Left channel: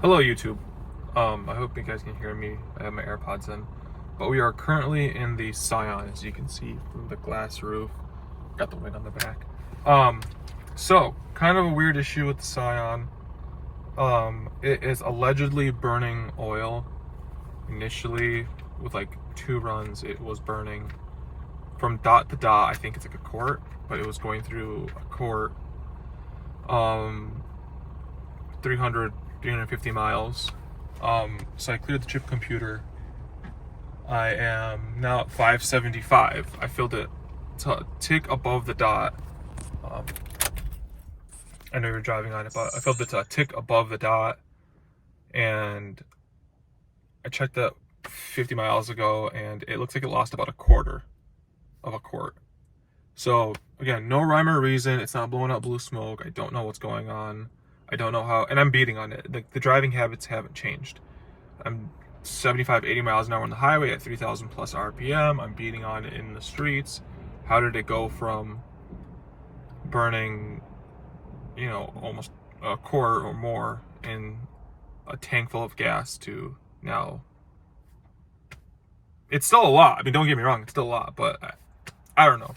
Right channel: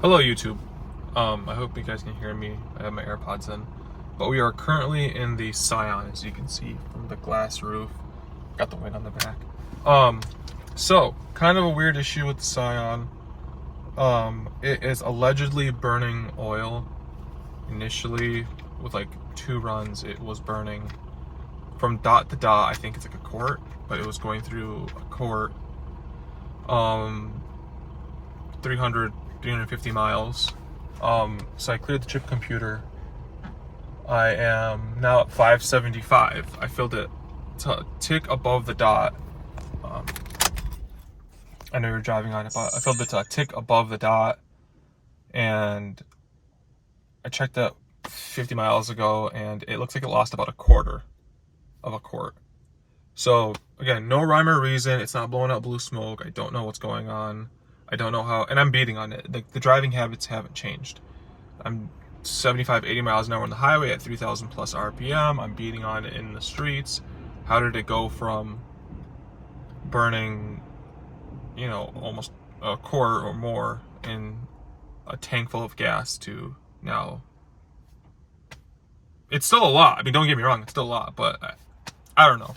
Hello YouTube. I hope you guys can hear me. I have my AirPods in. But we are currently in the Scion, as you can see from the glass roof. Got the wind on the back. So kind of a weird issue with the Scion. It is allegedly burning oil. Initially, with like 2 runs, it was burning from dot to dot. I think it's like a quart, but it was going through a quart. 350 miles. So I cleared the trip computer. I am now at 575. I filled it to tick above the dot. I know you're driving on it, but I filled it to a tick above the dot. And I checked it 50 miles ago, and it looks like it lost about a quarter of a quart. So again, no rhyme or reason. It's not blowing up blue smoke. I don't know what's going on. I don't know how, and I'm beating on it. The driving habits haven't changed. I'm 75, 80 miles an hour on the highway at 3,000 plus RPM. I'm beating on it in the streets. How did it go from burning, almost a quart or more in a tank full of gas to now? It's still a lot. I mean, don't get me wrong, it's still a lot, but I don't know.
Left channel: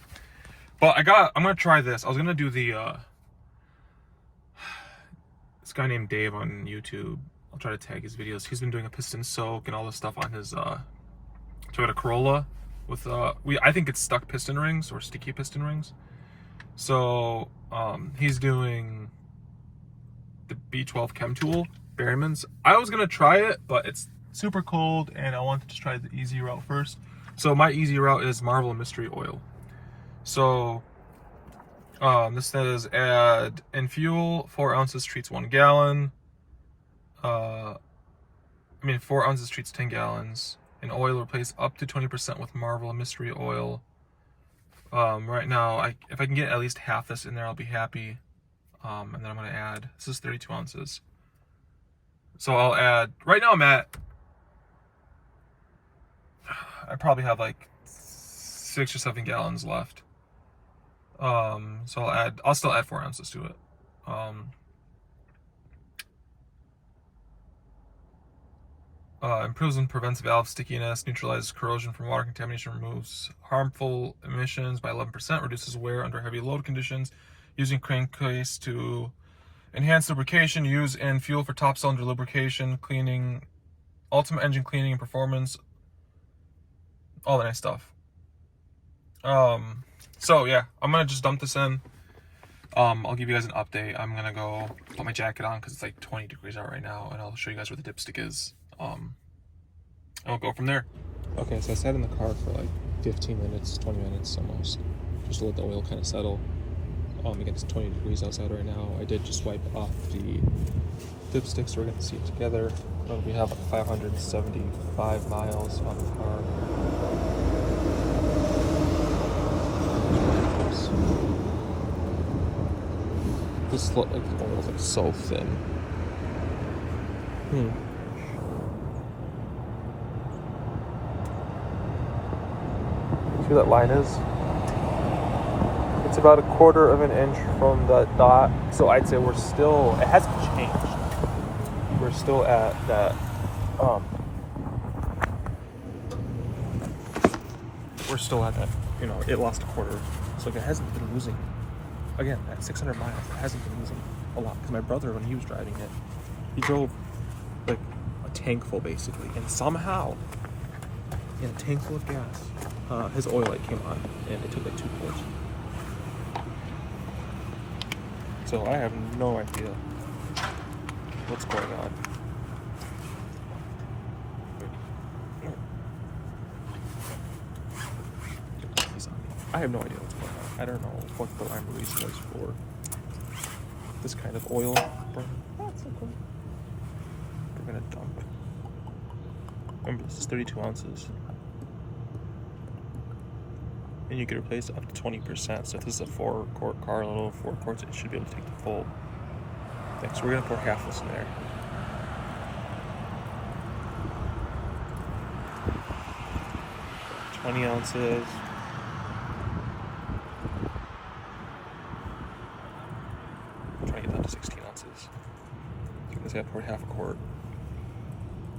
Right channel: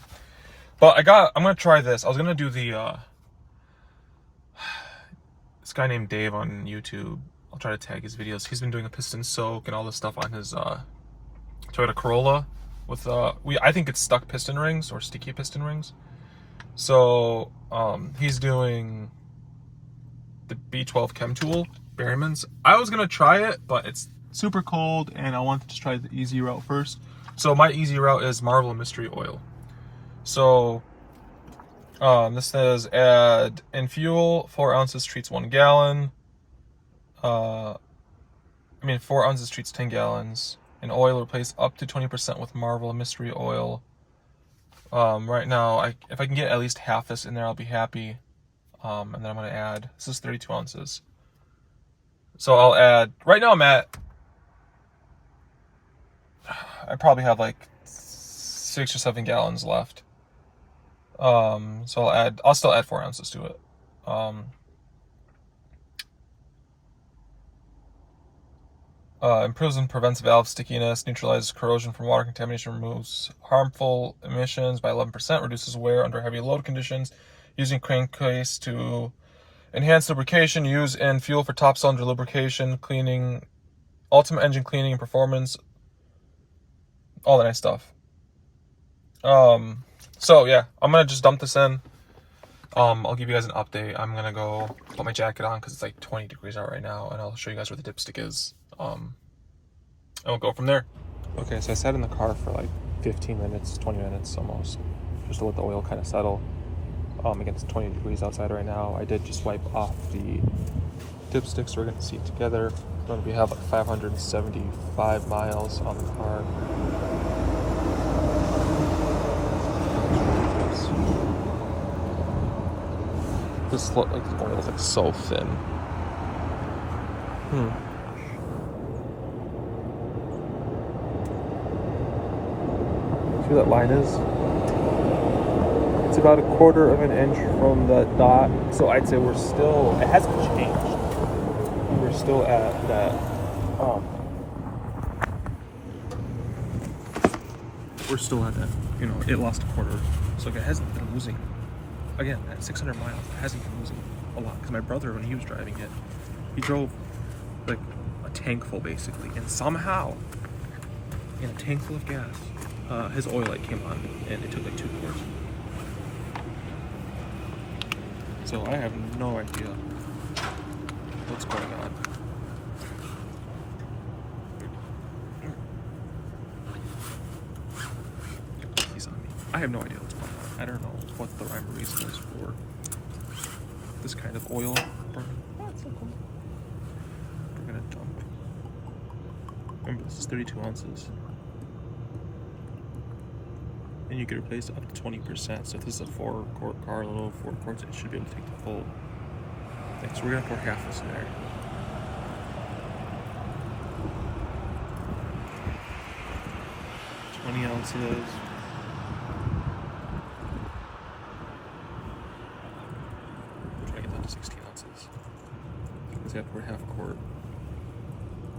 But I'm gonna try this. I was gonna do the, this guy named Dave on YouTube. I'll try to tag his videos. He's been doing a piston soak and all this stuff on his Toyota Corolla with I think it's stuck piston rings or sticky piston rings. So he's doing the B12 Chem Tool Berryman's. I was gonna try it, but it's super cold and I wanted to just try the easy route first. So my easy route is Marvel and Mystery Oil. So this says add in fuel, 4 ounces treats 1 gallon. 4 ounces treats 10 gallons. In oil, replace up to 20% with Marvel and Mystery Oil. Right now, if I can get at least half this in there, I'll be happy. And then I'm going to add, this is 32 ounces. So I'll add, right now I probably have like 6 or 7 gallons left. So I'll still add 4 ounces to it. Improves and prevents valve stickiness, neutralizes corrosion from water contamination, removes harmful emissions by 11%, reduces wear under heavy load conditions, using crankcase to enhance lubrication, use in fuel for top cylinder lubrication, cleaning, ultimate engine cleaning and performance, all that nice stuff. So yeah, I'm gonna just dump this in. I'll give you guys an update. I'm gonna go put my jacket on because it's like 20 degrees out right now, and I'll show you guys where the dipstick is. And we'll go from there. Okay, so I sat in the car for like 15 minutes, 20 minutes almost, just to let the oil kind of settle. Again, it's 20 degrees outside right now. I did just wipe off the dipstick, so we're gonna see it together. We have like 575 miles on the car. This look like the oil's like so thin. See where that line is? It's about a quarter of an inch from the dot. So I'd say we're still, it hasn't changed. We're still at that. We're still at that, it lost a quarter. So like, it hasn't been losing. Again, at 600 miles, it hasn't been losing a lot. Because my brother, when he was driving it, he drove like a tank full basically. And somehow, in a tank full of gas, his oil light came on and it took like 2 quarts. So I have no idea what's going on. He's on me. I have no idea what's going on. I don't know what the rhyme or reason is for this kind of oil burning. Oh, that's so cool. We're gonna dump. Remember, this is 32 ounces. And you can replace up to 20%. So if this is a 4-quart car, a little 4 quarts, it should be able to take the full thing. So we're gonna pour half this in there. $20 ounces. Try to get down to 16 ounces. Because I poured half half a quart.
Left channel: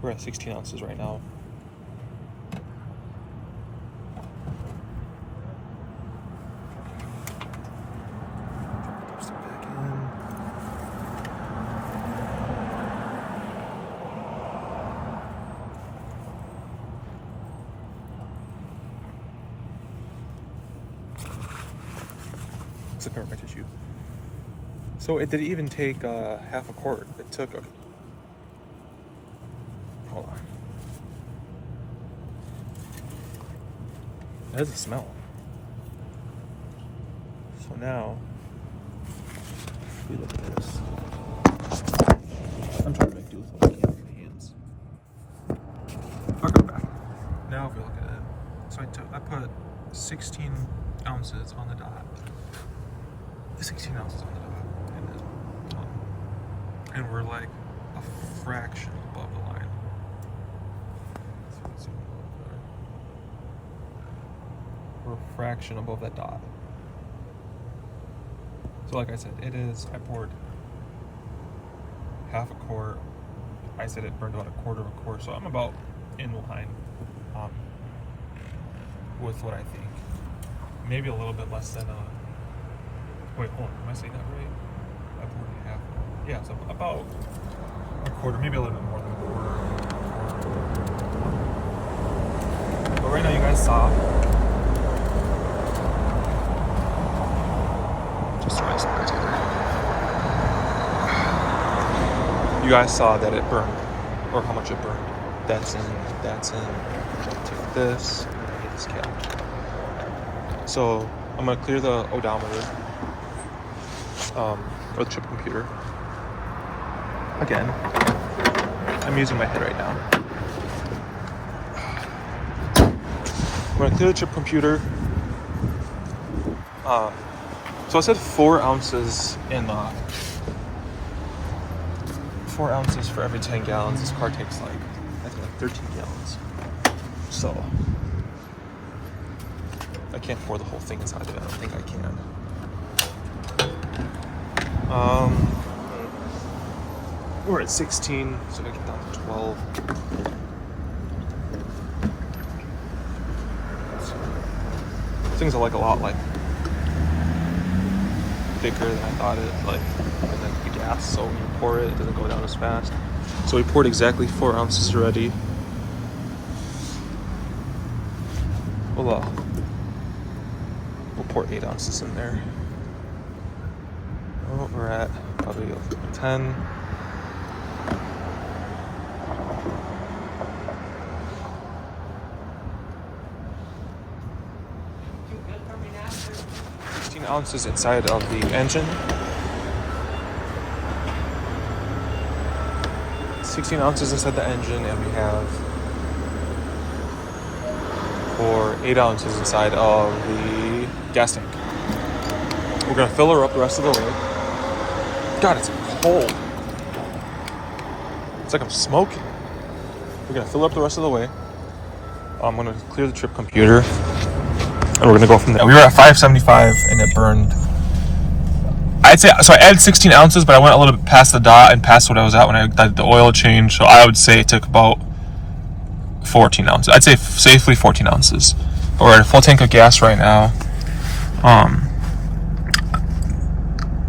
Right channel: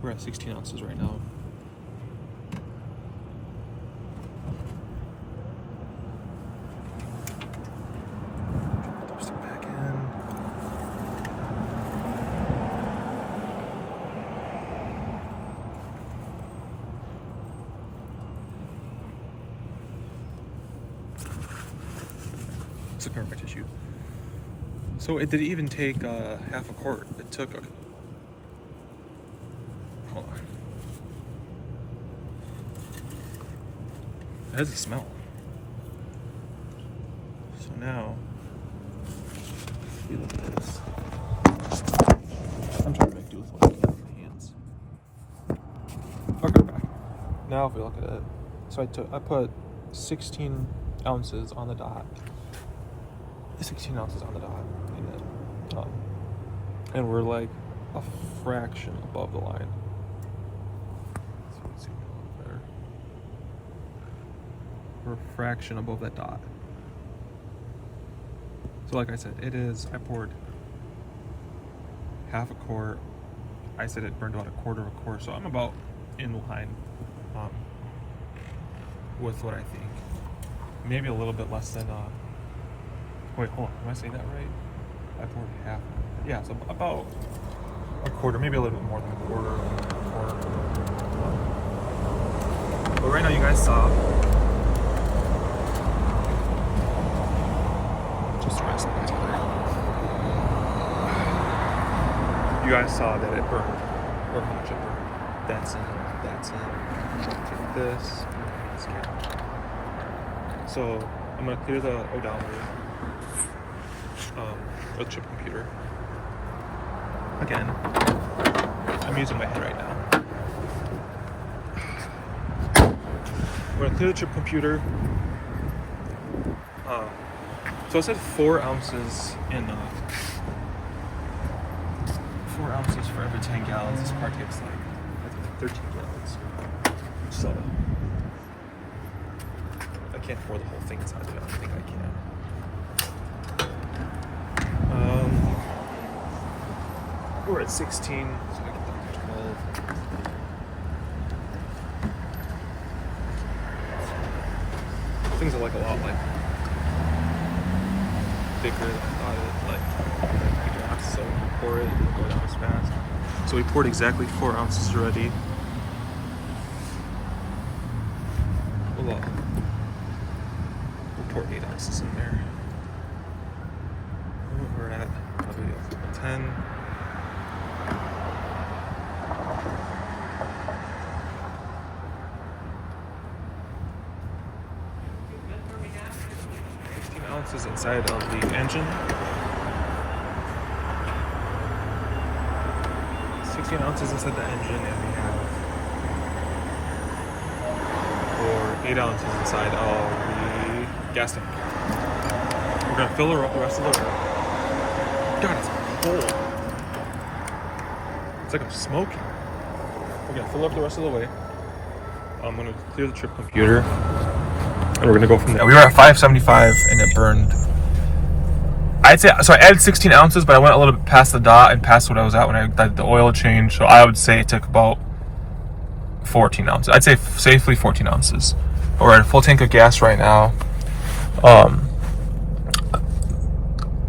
We're at 16 ounces right now. Drop the dipstick back in. Let's look at my tissue. So it didn't even take half a quart. It took a... Hold on. That is a smell. So now, if we look at this. I'm trying to make do with what I can with my hands. Okay, back. Now if we look at it. So I put 16 ounces on the dot. 16 ounces on the dot. And we're like a fraction above the line. So let's see there. We're a fraction above that dot. So like I said, I poured half a quart. I said it burned about a quarter of a quart, so I'm about in line with what I think. Maybe a little bit less than, wait, hold on, am I saying that right? I poured half. Yeah, so about a quarter, maybe a little bit more than a quarter. But right now you guys saw, just so I saw that together. You guys saw that it burned, or how much it burned. That's in. Take this, and this cap. So I'm gonna clear the odometer, or the chip computer. Again, I'm using my head right now. We're gonna clear the chip computer. So I said 4 ounces in 4 ounces for every 10 gallons. This car takes like 13 gallons. So I can't pour the whole thing inside of it. I don't think I can. We're at 16, so I get down to 12. Things are like a lot like thicker than I thought it like gas, so when you pour it, it doesn't go down as fast. So we poured exactly 4 ounces already. We'll pour 8 ounces in there. Oh, we're at probably 10. Ounces inside of the engine. 16 ounces inside the engine, and we have 8 ounces inside of the gas tank. We're gonna fill her up the rest of the way. God, it's cold. It's like I'm smoking. We're gonna fill her up the rest of the way. I'm gonna clear the trip computer. And we're gonna go from there. We were at 575 and it burned. I'd say, so I added 16 ounces, but I went a little bit past the dot and past what I was at when I did the oil change. So I would say it took about 14 ounces. I'd say safely 14 ounces. But we're at a full tank of gas right now. I'm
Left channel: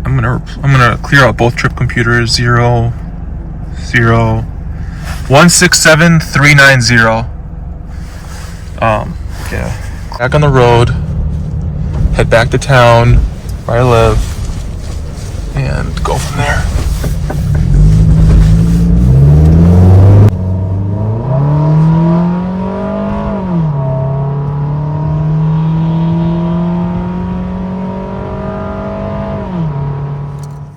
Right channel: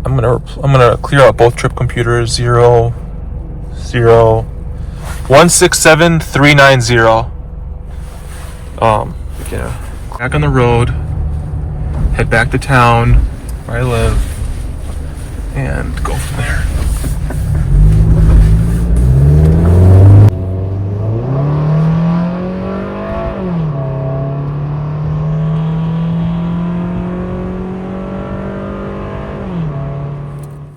gonna clear out both trip computers. 0, 0, 167390. Yeah. Back on the road, head back to town where I live, and go from there.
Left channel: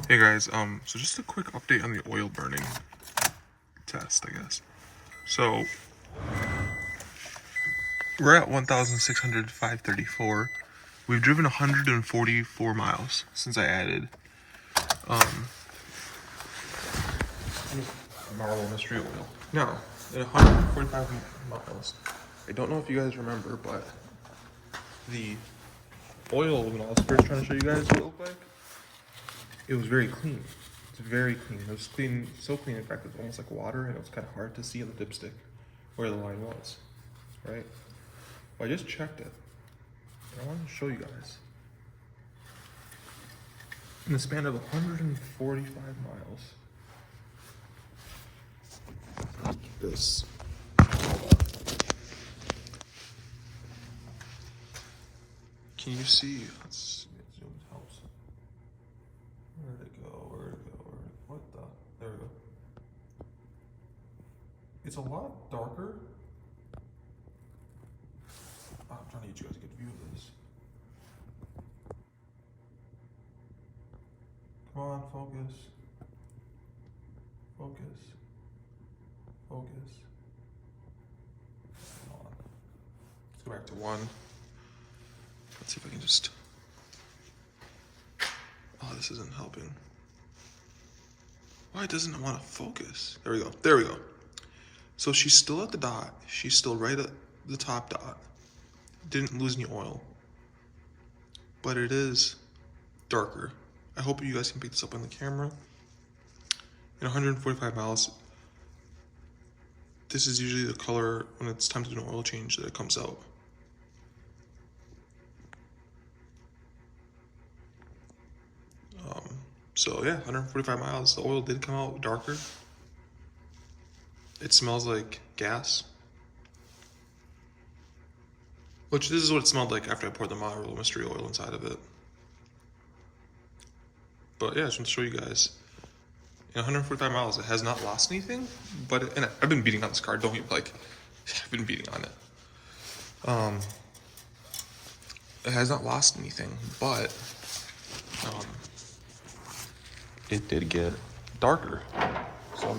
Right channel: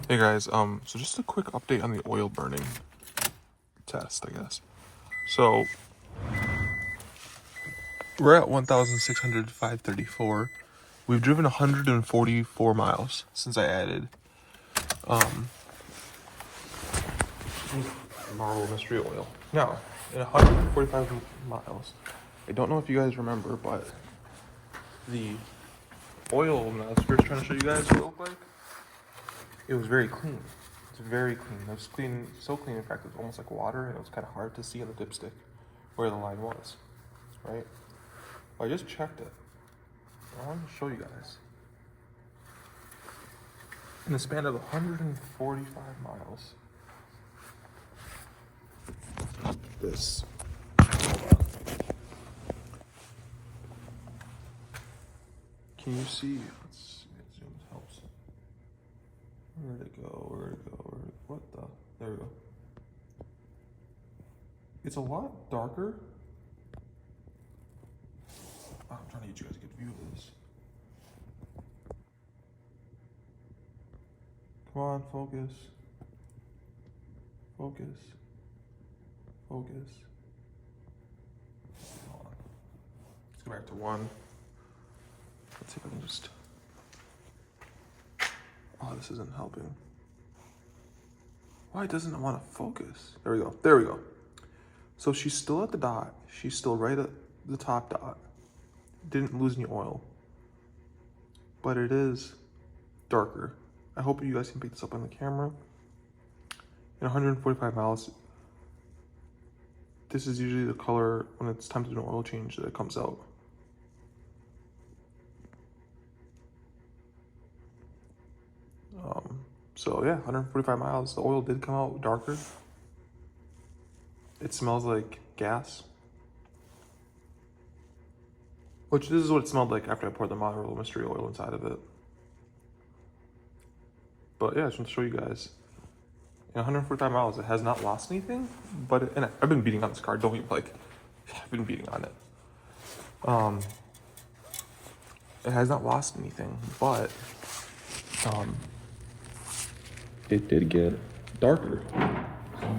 Hey guys, so just a quick update on the oil burning test, I guess. So we're at 1,605.34. We've driven 144 miles since I added Marvel Mystery Oil. Now, in 145 miles, I don't know if you guys remember, but the oil, when I was first trying to show you guys what it looked like, it was very clean. It's very clean. It was clean, so clean, in fact, it was almost like water, and it was kind of hard to see on the dipstick where the line was, right? Well, I just checked it. I wanted to show you guys. In the span of 145 miles, this. Can you see? Let's see. Zoom helps. Where'd it go? Where'd it go? What the? There we go. It's a lot darker. Oh, I'm trying to get you guys a good view of this. Come on, focus. Focus. Focus. Hold on. Let's go back to 1. Let's see if I can just... Oh, this isn't helping. Why doesn't it want to focus? There we go. There we go. So she's still at the dot. She's still right at the top dot. Didn't lose any oil. But it is darker. I hope you guys can pick this up on the camera. In 145 miles, this is usually the color when it's time to do an oil change that it comes out. So yeah, 145 miles, the oil did come out darker. It smells like gas. Which this is what it smelled like after I poured the Marvel Mystery Oil inside of it. But yeah, I just want to show you guys. In 145 miles, it has not lost anything, but and I've been beating on this car. Don't even like, I've been beating on it. It has not lost anything, but it did get darker. So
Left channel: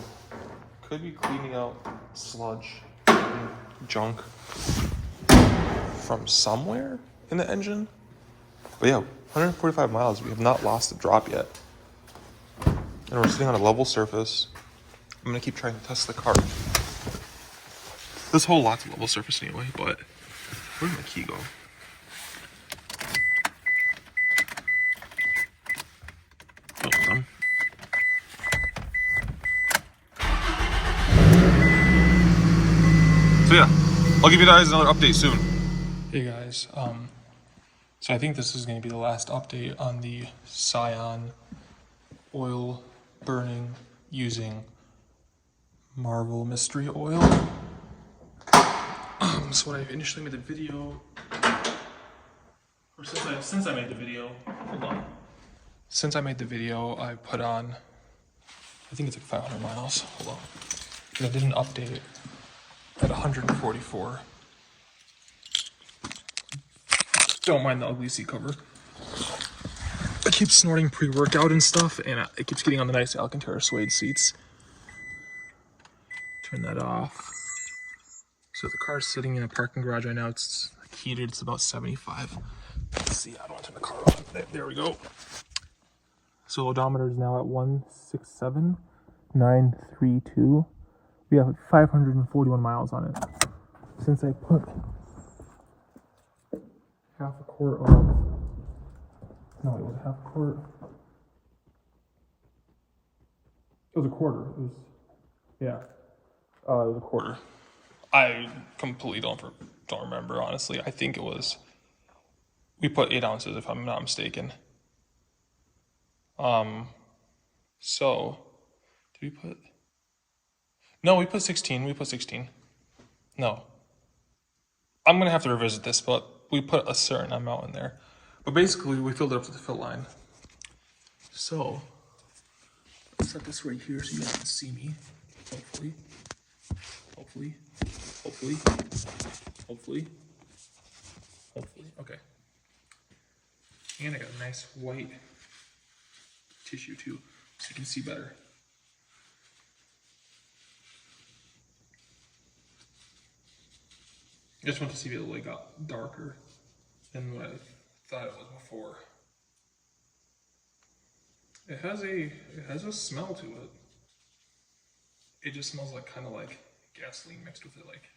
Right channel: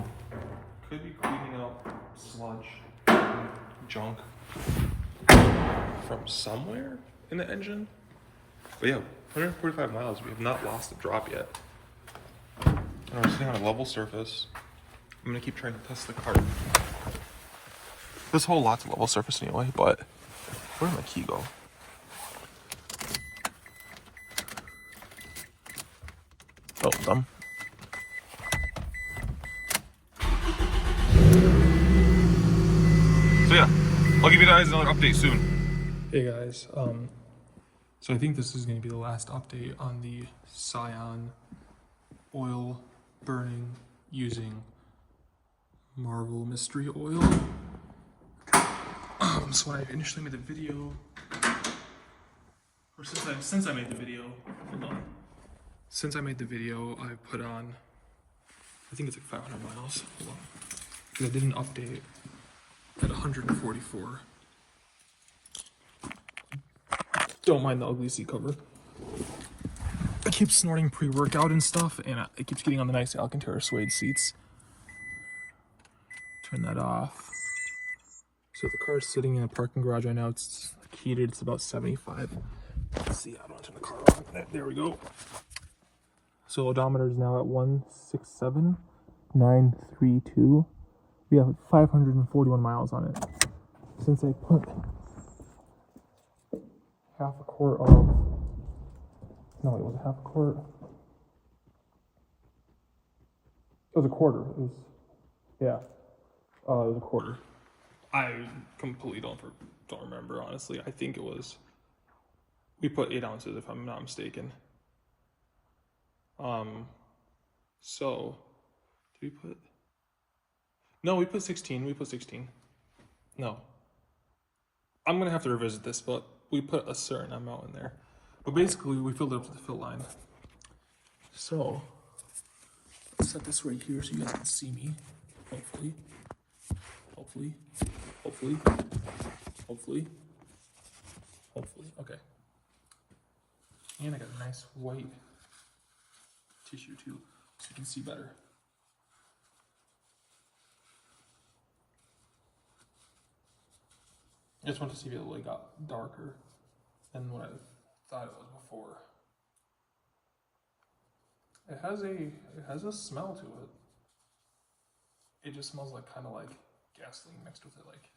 could be cleaning out sludge, junk from somewhere in the engine. But yeah, 145 miles, we have not lost a drop yet. And we're sitting on a level surface. I'm gonna keep trying to test the car. This whole lot's a level surface anyway, but where did my key go? Oh, done. So yeah, I'll give you guys another update soon. Hey guys, so I think this is going to be the last update on the Scion oil burning using Marvel Mystery Oil. So when I initially made the video, or since I made the video, hold on. Since I made the video, I put on, I think it's like 500 miles, hold on. And I did an update at 144. Don't mind the ugly seat cover. I keep snorting pre-workout and stuff, and it keeps getting on the nice Alcantara suede seats. Turn that off. So the car's sitting in a parking garage right now. It's heated, it's about 75. Let's see, I don't want to turn the car on. There we go. So odometer is now at 167,932. We have 541 miles on it. Since I put half a quart of, no, it was a half a quart. It was a quarter. It was, yeah, it was a quarter. I completely don't remember, honestly. I think it was, we put 8 ounces if I'm not mistaken. So, did we put, no, we put 16, No. I'm gonna have to revisit this, but we put a certain amount in there. But basically, we filled it up to the fill line. So, let's set this right here so you guys can see me, hopefully. Hopefully, okay. And I got a nice white tissue too, so you can see better. I just want to see if it like got darker than what I thought it was before. It has a smell to it. It just smells like kind of like gasoline mixed with it. Like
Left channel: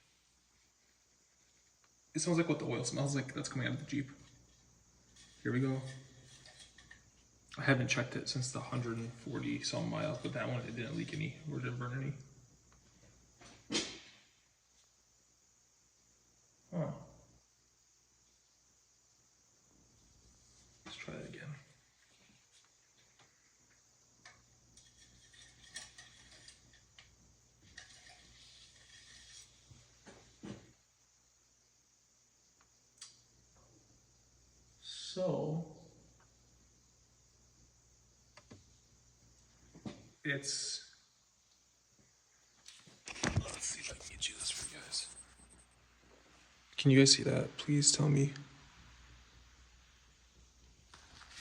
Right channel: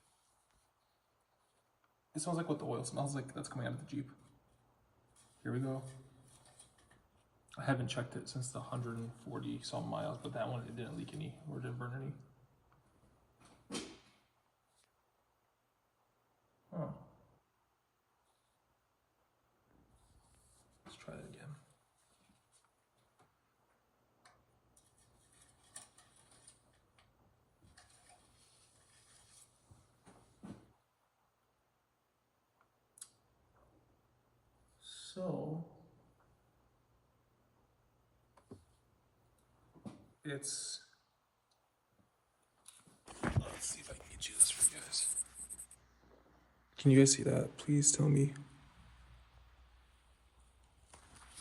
it smells like what the oil smells like that's coming out of the Jeep. Here we go. I haven't checked it since the 140 some miles, but that one it didn't leak any or didn't burn any. Huh. Let's try it again. So it's, let's see if I can get you this for you guys. Can you guys see that? Please tell me.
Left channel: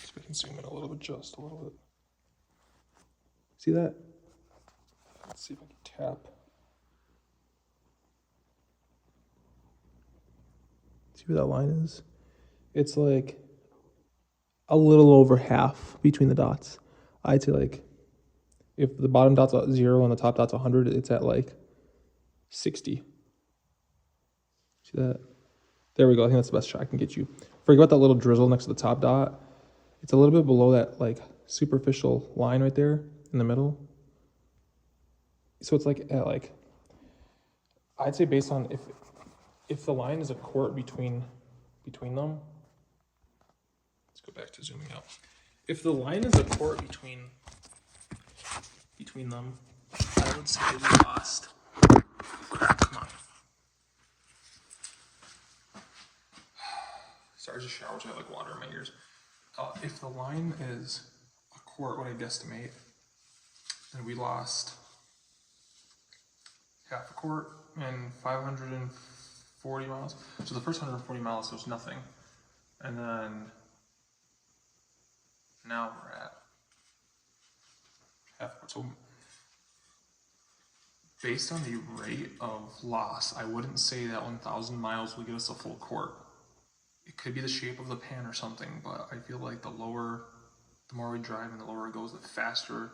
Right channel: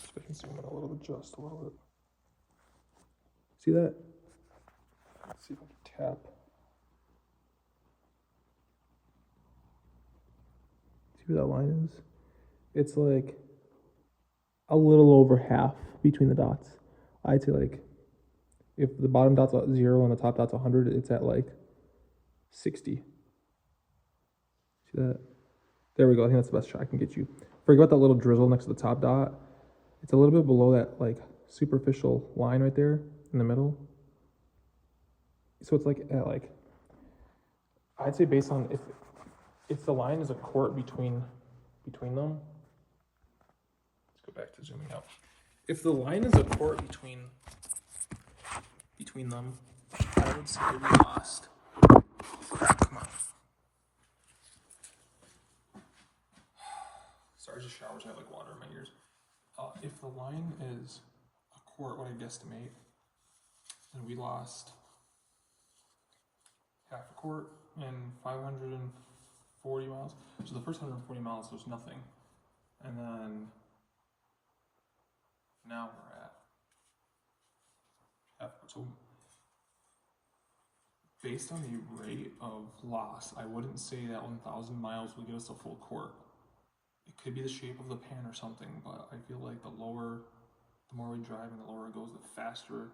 See if I can zoom in a little bit, just a little bit. See that? Let's see if I can tap. See where that line is? It's like a little over half between the dots. I'd say like, if the bottom dot's at 0 and the top dot's 100, it's at like 60. See that? There we go. I think that's the best shot I can get you. Forget about that little drizzle next to the top dot. It's a little bit below that like superficial line right there in the middle. So it's like at like, I'd say based on if the line is a quart between them. Let's go back to zooming out. If the line is a quart between them, I would say we lost. Crap, come on. Sorry, I just showered, so I have like water in my ears. If the line is a quart, what I guesstimate, then we lost half a quart and 540 miles. So the first 140 miles, there's nothing. And then now we're at half a quart. So based on the rate of loss, I wouldn't say that 1,000 miles will give us a full quart. It could be the shape of the pan or something, but I feel like the more we drive and the lower it goes, the faster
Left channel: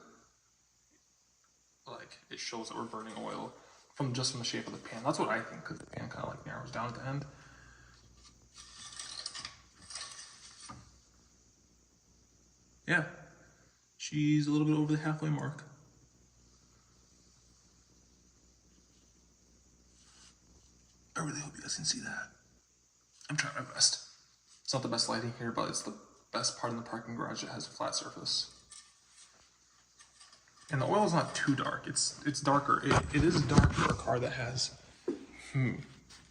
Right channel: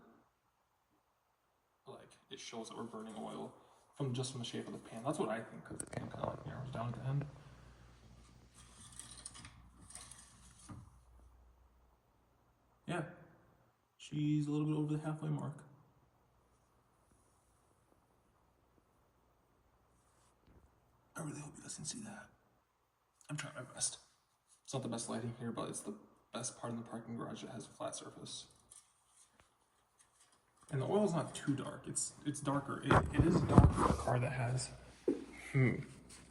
like it shows that we're burning oil from the shape of the pan. That's what I think, because the pan kind of like narrows down at the end. Yeah, she's a little bit over the halfway mark. I really hope you guys can see that. I'm trying my best. It's not the best lighting here, but it's the best part in the parking garage that has a flat surface. And the oil is not too dark. It's darker. It is dark for a car that has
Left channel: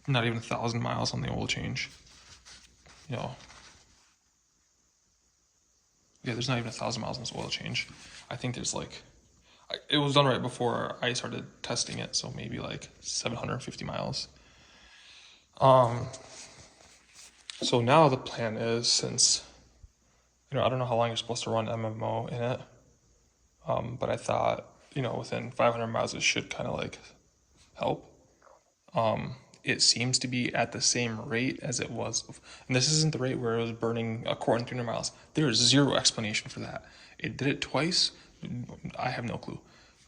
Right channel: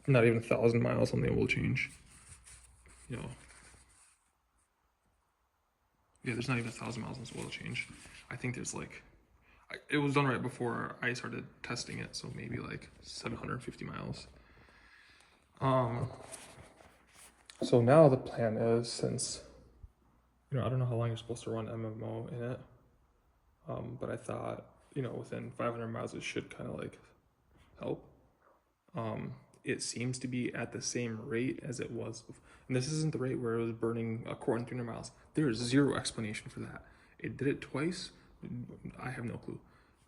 not even 1,000 miles on the oil change. You know. Yeah, there's not even 1,000 miles on this oil change. I think there's like, it was done right before I started testing it, so maybe like 750 miles. So now the plan is, since, you know, I don't know how long you're supposed to run MMO in it, but I thought, you know, within 500 miles it should kind of like help. It seems to be at the same rate as it was, and this isn't the rate where it was burning a quart in 300 miles. There is zero explanation for that. It did it twice. I have no clue.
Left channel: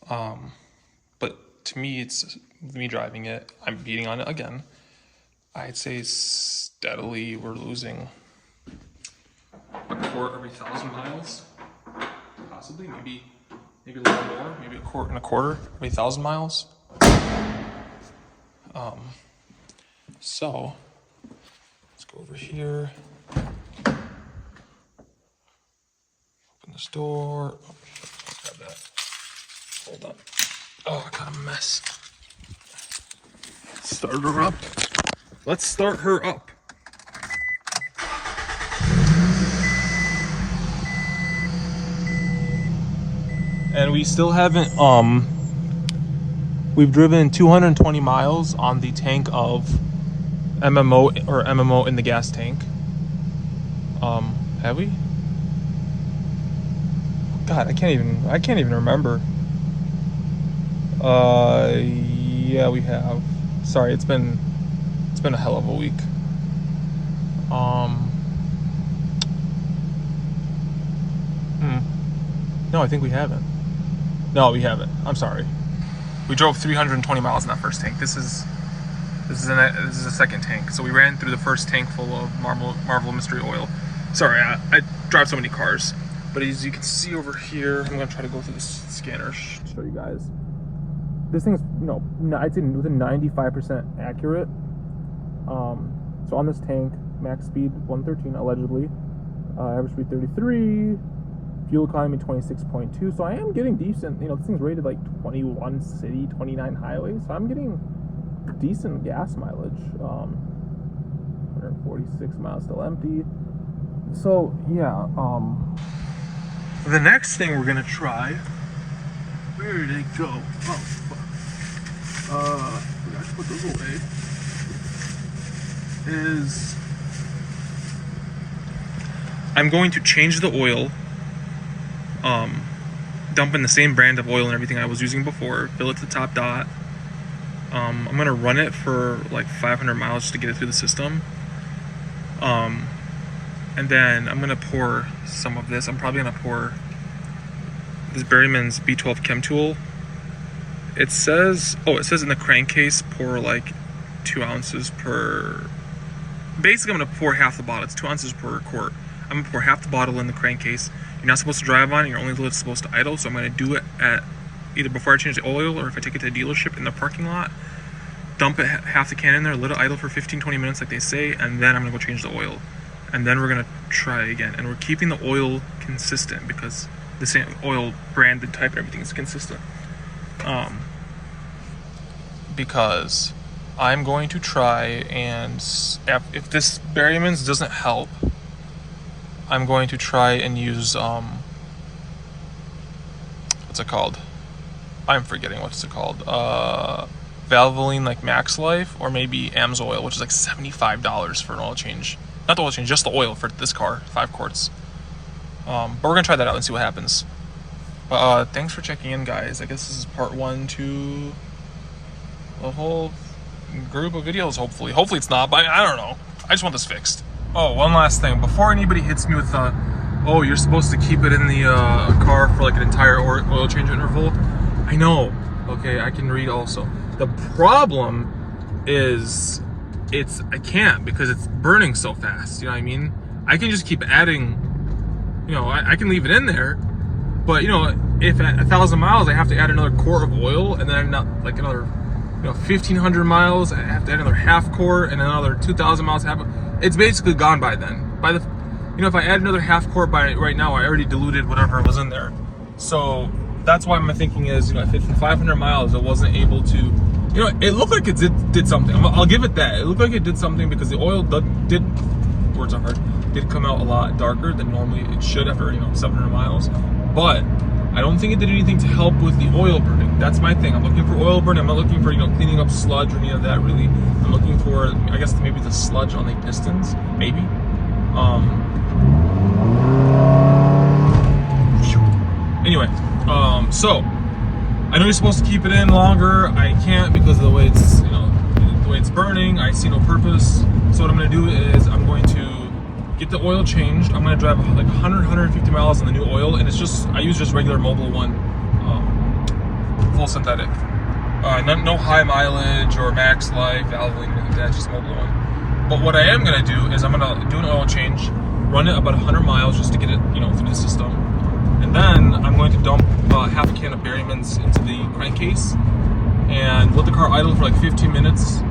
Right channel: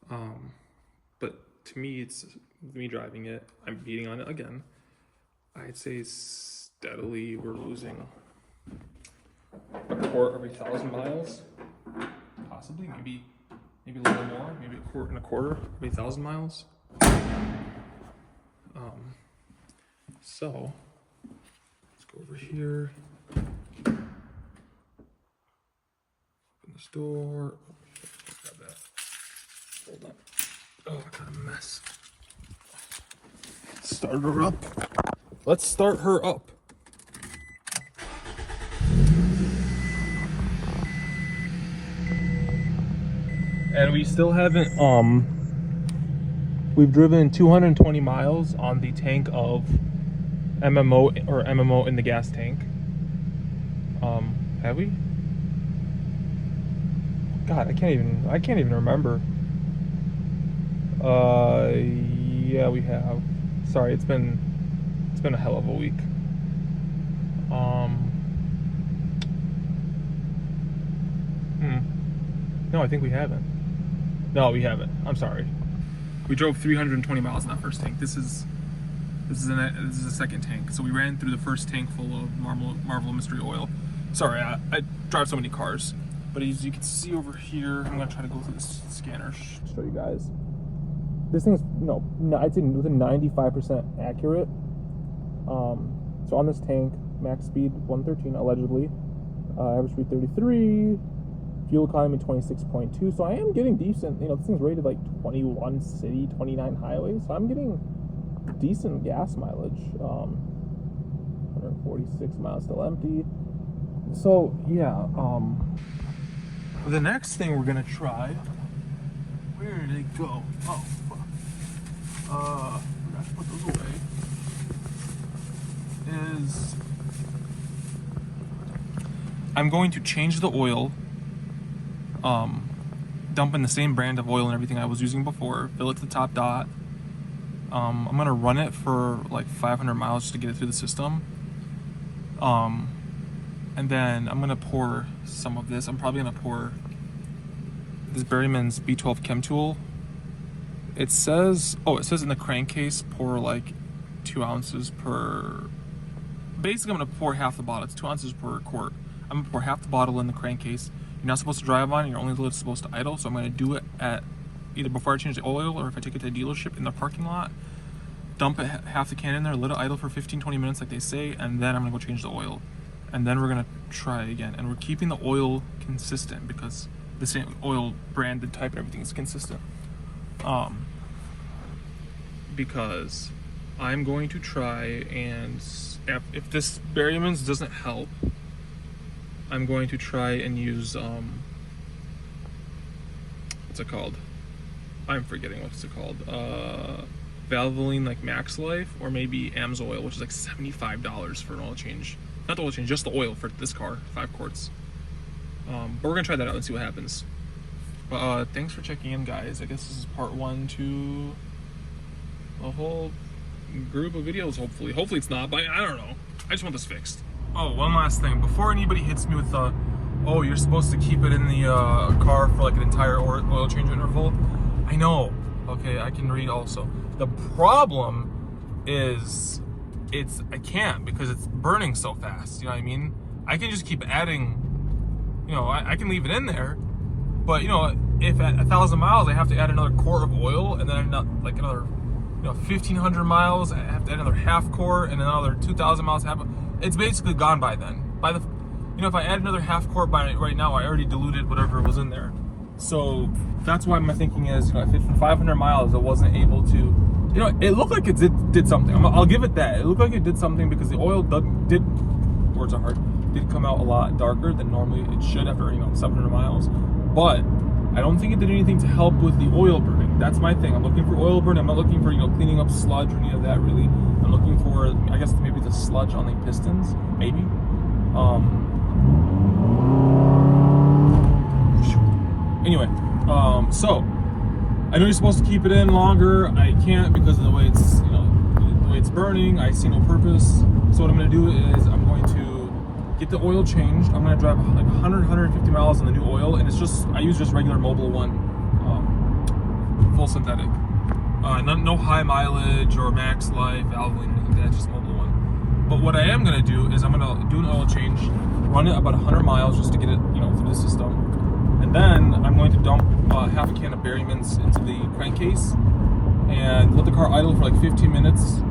But to me, it's me driving it. I'm beating on it again. I'd say steadily we're losing a quart every 1,000 miles, possibly, maybe a little more, maybe a quart and a quarter every 1,000 miles. So let's go over here, open this door. Oh, grab that. Hold on. Oh, I got a mess. Start her up. Let's start her up. And we still haven't, we've driven 220 miles on the tank of MMO in the gas tank. Have we? God, I can't even remember. Yeah, we have. Sorry, it's been a hell of a week. No, I think we haven't. No, we haven't. I'm sorry. We drove 320 miles in that first tank. This is a second tank. So we ran through the first tank full of Marvel Mystery Oil. Sorry, I drive so many cars. But as you can see over here, I'm gonna try to go through this scanner to show you guys. This thing is, I'd say within 95% accurate. So on this tank, max speed 113 allegedly, average speed 33, fuel economy 26.2. So I am getting decent. This thing's rated like 21 city, 29 highway. So I'm getting decent gas mileage. 146 miles still empty. So yeah. The next thing we're gonna try. Where did it go? Oh fuck. Forgot to put those away. Is I'm going to change the oil. Dump in the same brand of oil and everything I was using before. Fill it to the top dot. I'm gonna run it for like 500 miles just to get it through the system. And then I'm gonna pour some of this. I'm probably gonna pour this Berryman's B12 Chem Tool. It says in the crankcase, pour like 2 ounces per. Basically, I'm gonna pour half the bottle. It's 2 ounces per quart. I'm gonna pour half the bottle in the crankcase. You're not supposed to drive on it. You're only supposed to idle. So I'm gonna do it at either before I change the oil or if I take it to a dealership in the parking lot. Dump it, half the can in there, let it idle for 15-20 minutes like they say, and then I'm gonna go change the oil. And then we're gonna try again. And we're keeping the oil consistent because the same oil brand and type and everything is consistent. Because I'm going to try and if this Berryman's doesn't help, I'm going to try and use what's it called? I'm forgetting what's it called. Valvoline, like Max Life, or maybe AMSOIL, which is like $75 for an oil change. Not the oil change, just the oil for this car, 5 quarts. But we're gonna try that out and see what happens. Thanks for checking in, guys. I guess this is part 1 to the whole group of videos, hopefully. Hopefully it's not, but I don't know. I just want this fixed. Oh, one last thing. Before anybody hits me with, oh, you're supposed to keep it in the car for like an entire oil change interval. I know, okay, I can read also. The problem is, I can't because it's burning so fast, you know what I mean? I can just keep adding, I can leave it in there, but if at 1,000 miles I have to add another quart of oil, and then like another 1,500 miles I have to add another half quart, and another 2,000 miles it's basically gone by then. By the if I add another half quart by right now, I already diluted whatever was in there. So that's why my thinking is, if it's 500 miles, it wasn't able to, it looked like it did something. I'll give it that. It looked like it did something because the oil did come out a lot darker than normally it should after 700 miles. But I don't think it did anything to help with the oil burning. That's my thing. I'm looking for oil burn. I'm not looking for cleaning up sludge or any of that really. I'm looking for, I guess, maybe the sludge on the pistons, maybe. Anyway, so I know you're supposed to keep it in longer. I can't because of the way it's, the way it's burning. I see no purpose. So what I'm going to do is I'm going to get the oil changed. I'm going to drive like 150 miles on the new oil, and it's just, I use just regular Mobil 1, full synthetic. No high mileage or Max Life, Valvoline, anything like that, just Mobil 1. But what I am going to do is I'm going to do an oil change, run it about 100 miles just to get it, through the system. And then I'm going to dump half a can of Berryman's into the crankcase and let the car idle for like 15 minutes,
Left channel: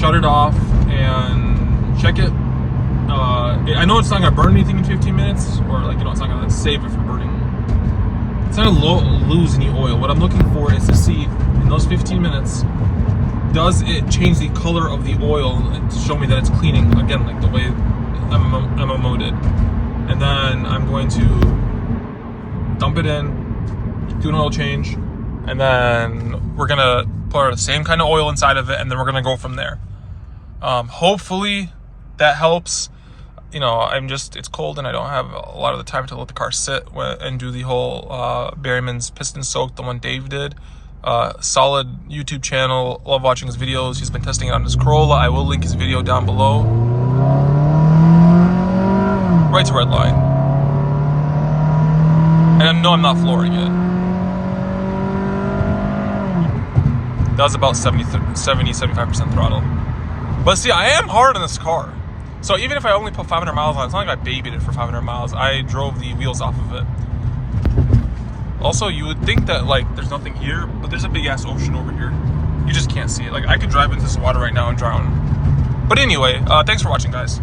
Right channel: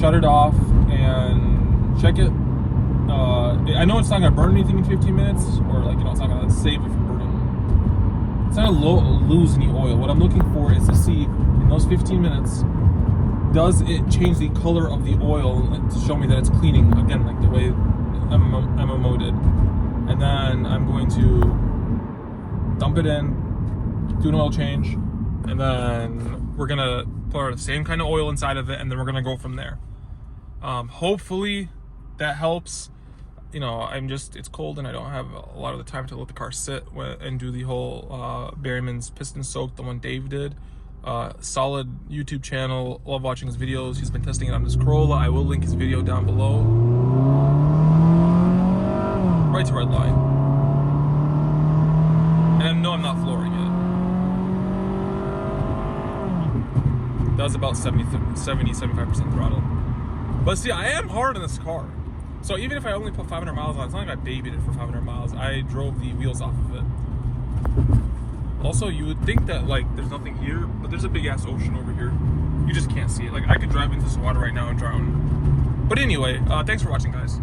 shut it off, and check it. I know it's not going to burn anything in 15 minutes, or like, it's not going to save it from burning. It's not going to lose any oil. What I'm looking for is to see, in those 15 minutes, does it change the color of the oil and to show me that it's cleaning, again, like the way MMO did. And then I'm going to dump it in, do an oil change, and then we're going to put the same kind of oil inside of it, and then we're going to go from there. Hopefully that helps. It's cold and I don't have a lot of the time to let the car sit and do the whole Berryman's piston soak, the one Dave did. Solid YouTube channel, love watching his videos. He's been testing it on his Corolla. I will link his video down below. Right to red line. And no, I'm not flooring it. That was about 70-75% throttle. But see, I am hard on this car. So even if I only put 500 miles on it, it's not like I babied it for 500 miles. I drove the wheels off of it. Also, you would think that like there's nothing here, but there's a big ass ocean over here. You just can't see it. Like I could drive into this water right now and drown. But anyway, thanks for watching, guys.